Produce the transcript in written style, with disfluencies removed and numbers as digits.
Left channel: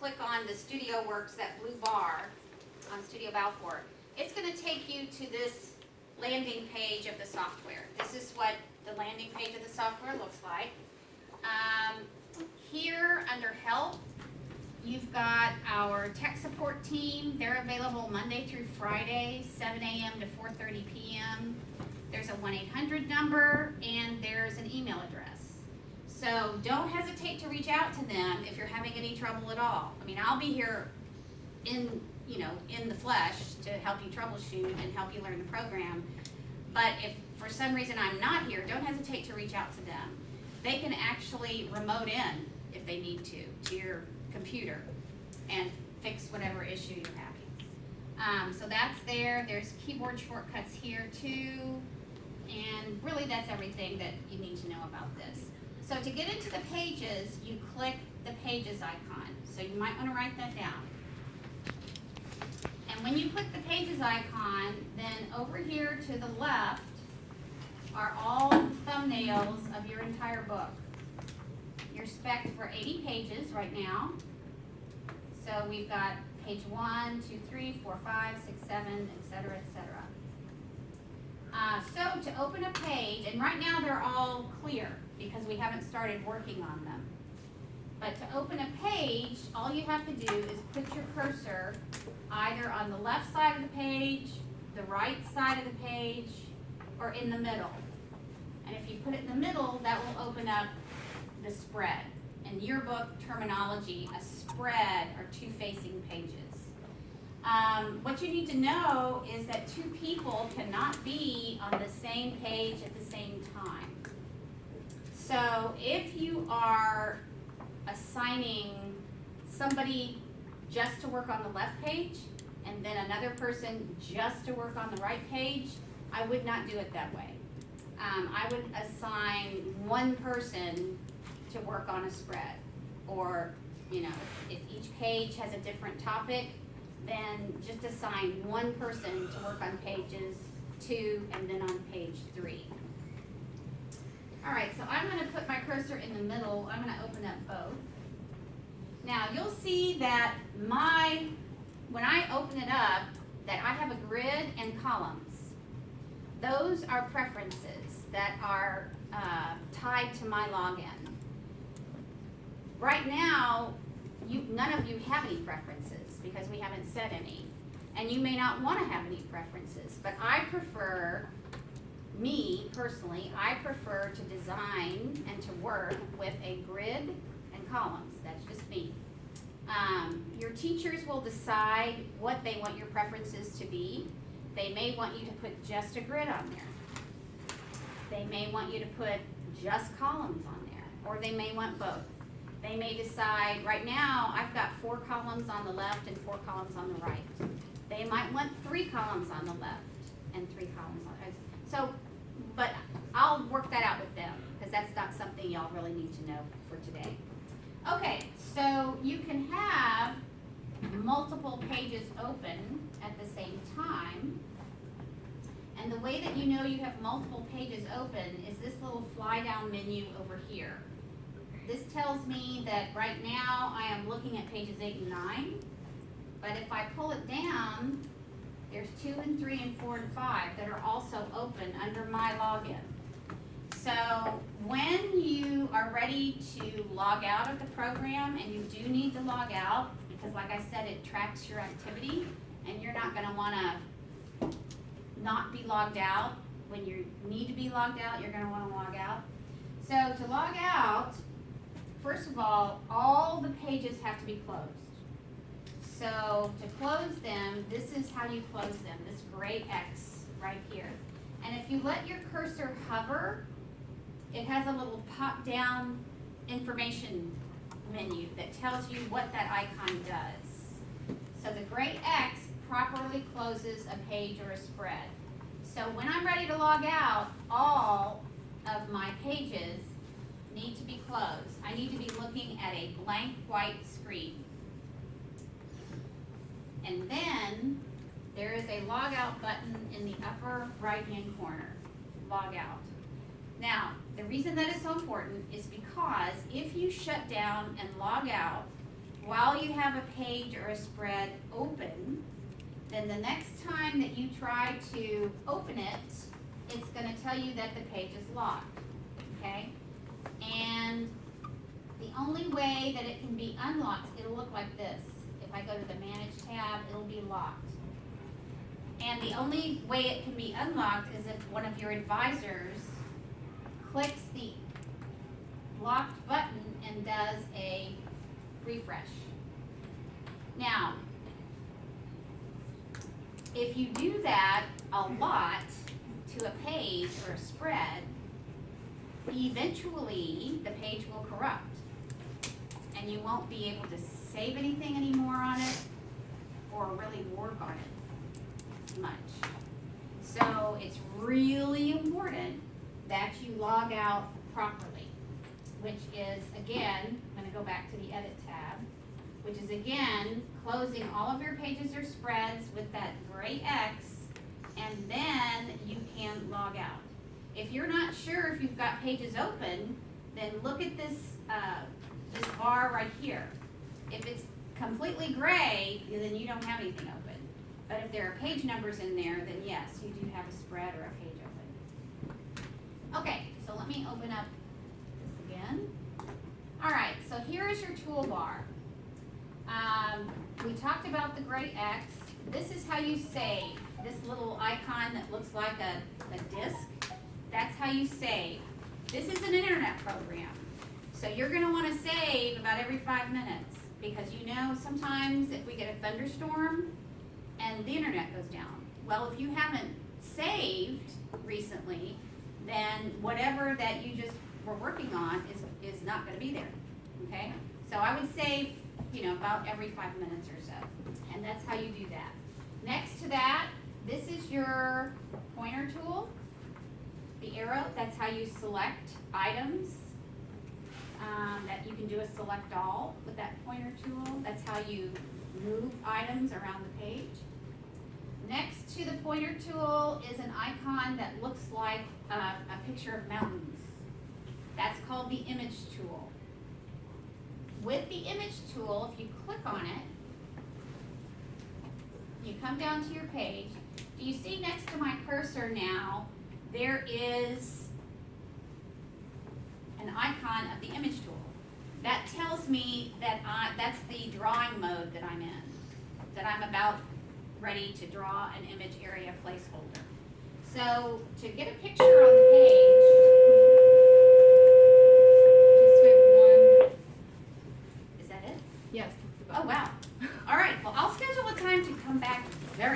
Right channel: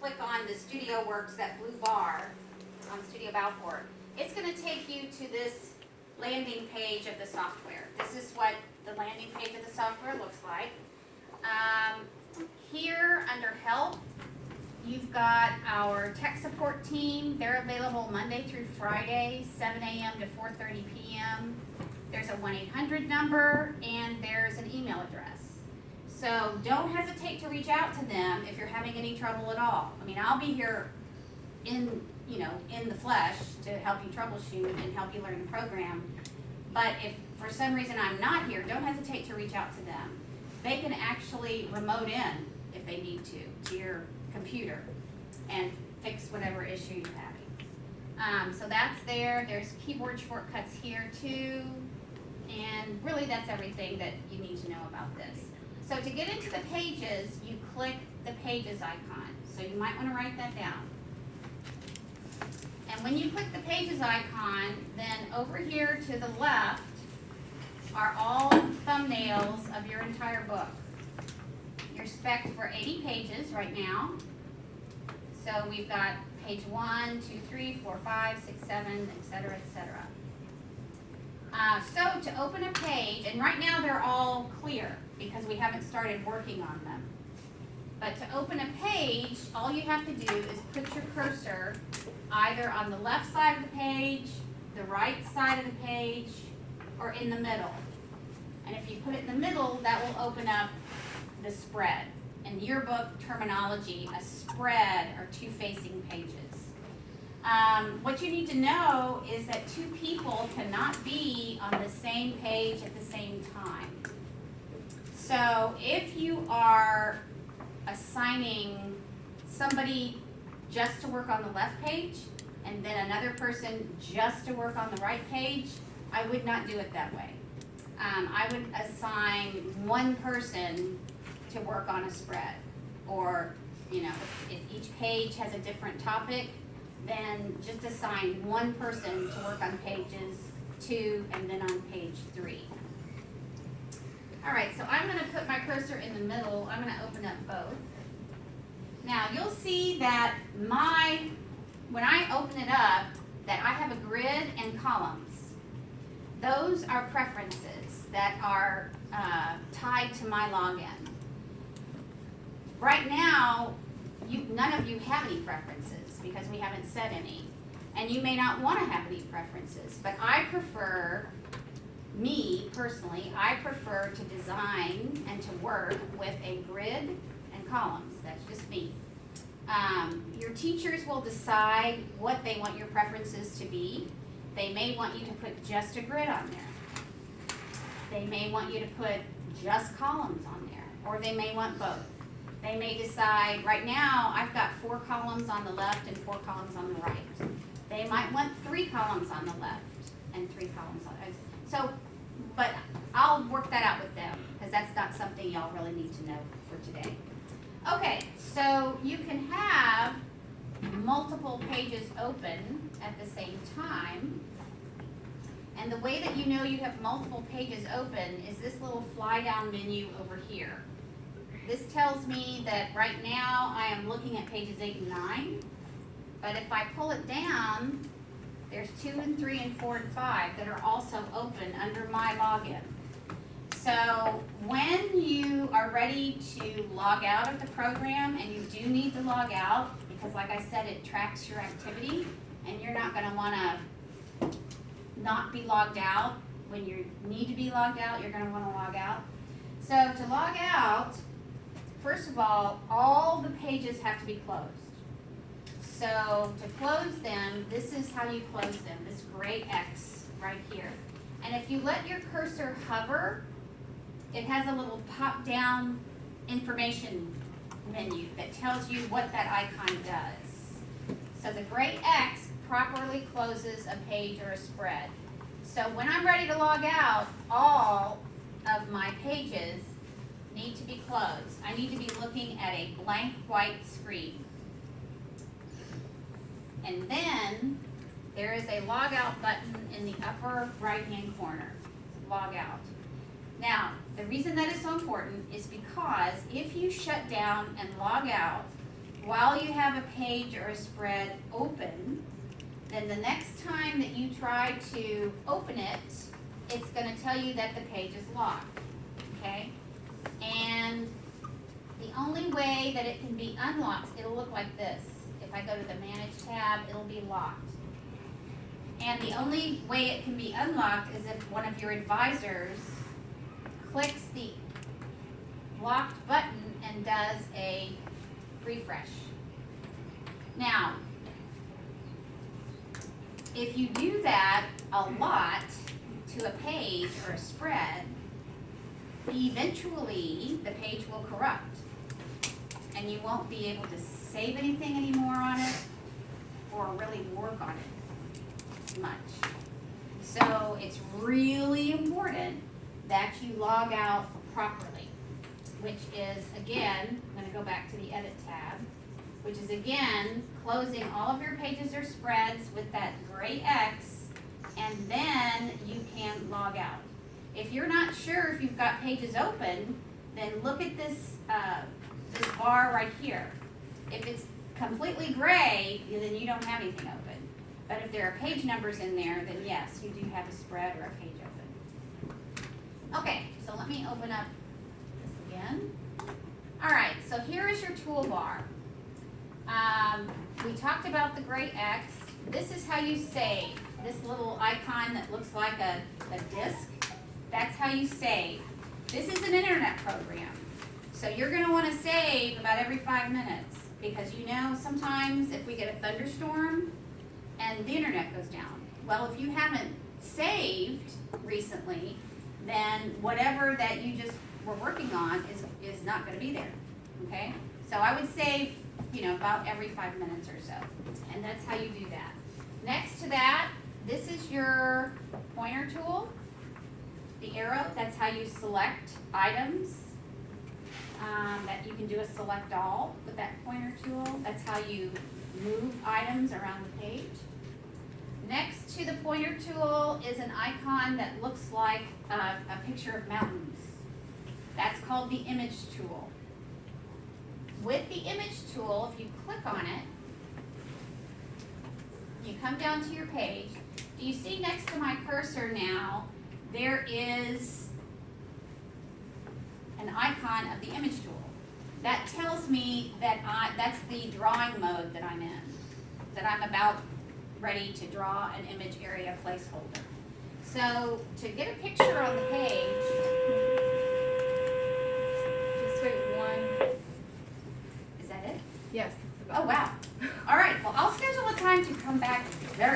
Click on the Studioworks, that blue bar on Studio Balfour, it's going to take you to this landing page of the software. This is what the landing page of the software looks like. Here under Help, you've got our tech support team. They're available Monday through Friday, 7 a.m. to 4:30 p.m. There's a 1-800 number, and there's an email address. So don't hesitate to reach out to them if you're having any trouble at all. I mean, I'll be here in the flesh to help you troubleshoot and help you learn the program. But if for some reason I'm not here, don't hesitate to reach out to them. They can actually remote in if they need to your computer and fix whatever issue you're having. So that's there. There's keyboard shortcuts here too. And really that's everything that you need to know about this. So to get into the pages, you click the pages icon. So you might want to write that down. And when you click the pages icon, then over here to the left are all the thumbnails of your entire book. You're spec'd for 80 pages right now. So we've got page 1, 2, 3, 4, 5, 6, 7, etc., etc. So to open a page, and right now they're all clear because we haven't started working on them. But to open a page, all you have to do is put your cursor either on the left side of the page, the right side of the page, or in the middle. And if you put it in the middle, that will open up the spread. In yearbook terminology, a spread are two facing pages. What you need to know is that two people cannot be on the same page at the same time. So if you are assigning somebody just to work on the left page and then another person just to work on the right page, I would not do it that way. I would assign one person to work on a spread, or if each page has a different topic, then just assign one person to work on pages 2 and then on page 3. All right, so I'm going to put my cursor in the middle. I'm going to open up both. Now you'll see that when I open it up, that I have a grid and columns. Those are preferences that are tied to my login. Right now, none of you have any preferences because we haven't set any. And you may not want to have any preferences, but me personally, I prefer to design and to work with a grid and columns. That's just me. Your teachers will decide what they want your preferences to be. They may want you to put just a grid on there. They may want you to put just columns on there, or they may want both. They may decide, right now, I've got 4 columns on the left and 4 columns on the right. They might want 3 columns on the left and 3 columns on the right. So, but I'll work that out with them, because that's not something y'all really need to know for today. Okay, so you can have multiple pages open at the same time. And the way that you know you have multiple pages open is this little fly down menu over here. This tells me that right now I am looking at pages 8 and 9, but if I pull it down, there's 2 and 3 and 4 and 5 that are also open under my login. So when you are ready to log out of the program, and you do need to log out, because like I said, it tracks your activity, and you're not going to want to not be logged out. When you need to be logged out, you're going to want to log out. So to log out, first of all the pages have to be closed. So to close them, this is how you close them, this gray X right here. And if you let your cursor hover, it has a little pop-down information menu that tells you what that icon does. So the gray X properly closes a page or a spread. So when I'm ready to log out, all of my pages need to be closed. I need to be looking at a blank white screen. And then there is a log out button in the upper right hand corner. Log out. Now, the reason that is so important is because if you shut down and log out, while you have a page or a spread open, then the next time that you try to open it, it's gonna tell you that the page is locked, okay? And the only way that it can be unlocked, it'll look like this. If I go to the Manage tab, it'll be locked. And the only way it can be unlocked is if one of your advisors clicks the locked button and does a refresh. Now, if you do that a lot to a page or a spread, eventually the page will corrupt and you won't be able to save anything anymore on it or really work on it much. So it's really important that you log out properly, which is, again, I'm going to go back to the Edit tab, which is, again, closing all of your pages or spreads with that gray X, and then you can log out. If you're not sure if you've got pages open, then look at this, this bar right here. If it's completely gray, then you don't have anything open. But if there are page numbers in there, then yes, you do have a spread or a page open. Okay, so let me open up this again. All right, so here is your toolbar. We talked about the gray X. This is how you save. This little icon that looks like a disk, that's how you save. This is an internet program. So you're gonna wanna save about every 5 minutes because you know sometimes if we get a thunderstorm and the internet goes down. Well, if you haven't saved recently, then whatever that you just were working on is not gonna be there, okay? So I would save, about every 5 minutes or so, and that's how you do that. Next to that, this is your pointer tool, the arrow, that's how you select items, that you can do a select all with that pointer tool. That's how you move items around the page. Next to the pointer tool is an icon that looks like a picture of mountains. That's called the image tool. With the image tool, if you click on it, you come down to your page. Do you see next to my cursor now, there is an icon of the image tool. That tells me that that's the drawing mode that I'm in, that I'm about ready to draw an image area placeholder. So to get a picture on the page, is that it? Yes. Oh, wow. All right, well, I'll schedule a time to come back very